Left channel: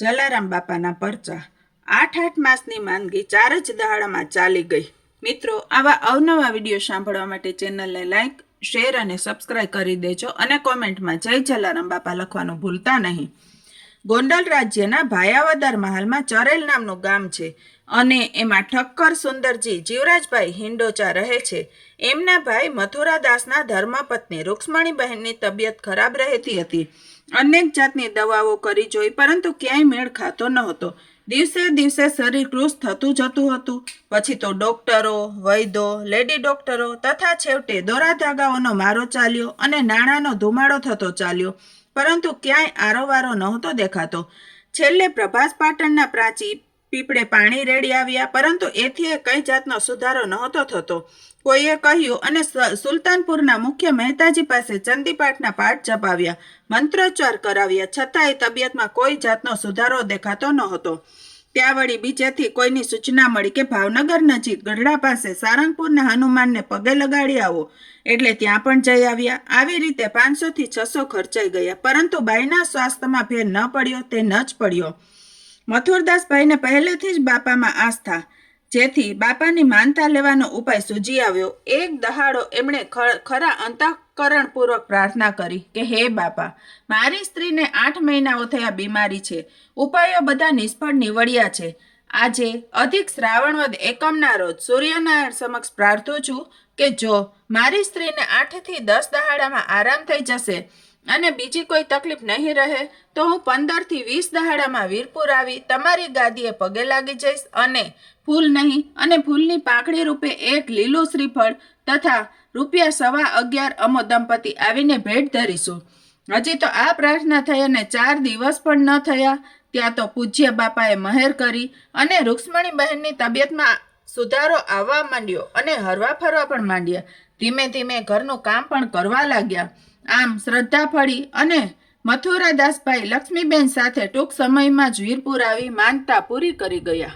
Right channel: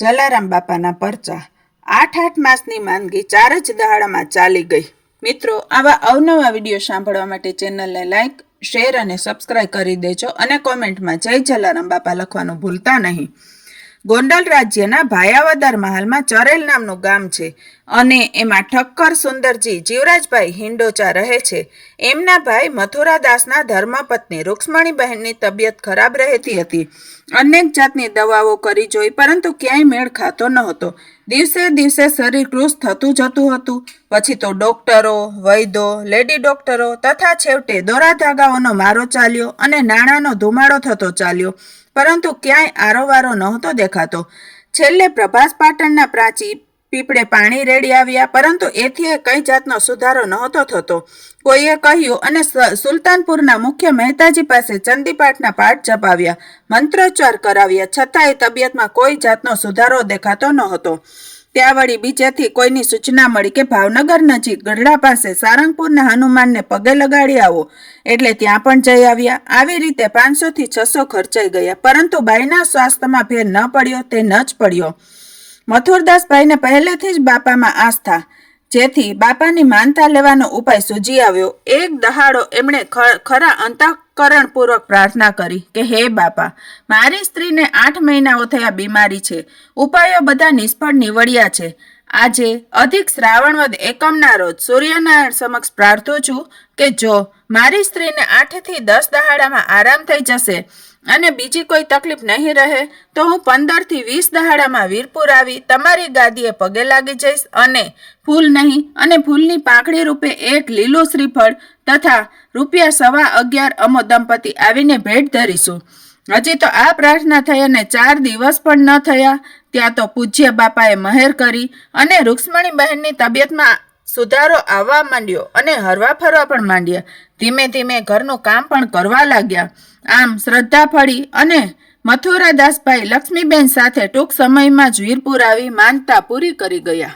જલારામ બાપાના પરચા 8 માસની માંદગી 4 જ દહાડામાં ચાલી ગઈ। મિત્રો, આવા અવનવા વિડીયો સાંભળવા માટે ચેનલને લાઈક, શેર અને સબસ્ક્રાઇબ કરી દેજો અને કોમેન્ટમાં જય જલારામ બાપા લખવાનું ભૂલતા નહીં। ગોંડલ રાજ્યના ભાયાવદર મહાલમાં ચરેલ નામનું ગામ છે અને એમાં ઠક્કર સુંદરજી જીવરાજભાઈ હિંડોચા રહે છે। એમના ભાઈ મથુરાદાસના ધર્મપત્ની રૂક્ષ્મણીબહેનની તબિયત ખરાબ રહેતી હતી। અનેક જાતની દવાઓ કરી જોઈ પરંતુ ક્યાંય મેળ ખાતો ન હતો। દિવસે દિવસે શરીર કૃશ થતું જતું હતું। પછી તો ડોક્ટરો, વૈદ્યો, લેડી ડોક્ટરો તથા છેવટે દોરા ધાગાઓનો મારો ચાલ્યો અને નાણાંનો ધુમાડો થતો ચાલ્યો, પરંતુ ક્યાંય આરોવારો નહોતો દેખાતો। છેલ્લે પ્રભાસ પાટણના પ્રાચી પીપળે પાણી રેડી આવ્યા, પરંતુ એથી કઈ જાતનો સુધારો નહોતો થતો। કોઈએ કહ્યું અને સુલતાનપુરના મુખ્ય મહેતાજી પાસે ચંદીપાઠના પાઠ જપાવ્યા, મંત્રોચ્ચાર કરાવ્યા, છતાંય તબિયતમાં કોઈ જાતનો સુધારો દેખાતો નહોતો। ત્યાં વળી બીજેથી કોઈની સૂચના મળી કે ભાવનગર નજીક ગઢડા પાસે સારંગપુરના હનુમાનને પગે લગાડી આવો, એટલે ત્યાં પણ જઈ આવ્યા। આવી રીતે 500 થી 600 ખર્ચાઈ ગયા, પરંતુ બાઈના સ્વાસ્થ્યમાં ફેર ન પડ્યો તે ન જ પડ્યો। મથુરદાસભાઈને પહેલેથી જ બાપામાં આસ્થા, જેથી બાપાની માનતા લેવાનો ઉપાય સૂજી આવ્યો। એક દહાડો એમણે ખરા અંતઃકરણપૂર્વક પ્રાર્થના કરી કે હે બાપા, મારી સ્ત્રીને 8 મહિનાઓ થયા બીમારી છે, ઉપાયો બધા નિષ્ફળ નીવડ્યા છે। આજે અધિક શ્રાવણવદ એકમના રોજ સૂર્યનારાયણ સમક્ષ પ્રાર્થું છું કે જો મારી સ્ત્રીને 8 થી 10 દહાડામાં આરામ થઈ જશે અને બીજી કોઈ તકલીફ નહીં રહે તો હું 15 થી 20 દહાડામાં વીરપુર આવી તમારી ગાદીએ પગે લાગી જઈશ અને ફૂલ નહીં અને ફૂલની પાંખડી રૂપે એક લીલું શ્રીફળ તથા ₹11.25 અમો દંપતી આવીને ભેટ ધરીશું। હજી તો આ પ્રાર્થના થઈ અને 4 દિવસ પણ ન થયા ત્યાં તો પૂજ્ય બાપાએ મહેર કરી અને રૂક્ષ્મણીબહેનની તબિયતમાં સુધારો આવવા માંડ્યો અને હરવા ફરવા પણ માંડ્યા। ધીમે ધીમે ઘરનું કામ પણ કરવા લાગ્યા। આમ શ્રદ્ધા ફળી અને મથુરાદાસભાઈ લક્ષ્મીબેન સાથે ટૂંક સમયમાં જ વીરપુર આવી માનતા પૂરી કરી ગયા।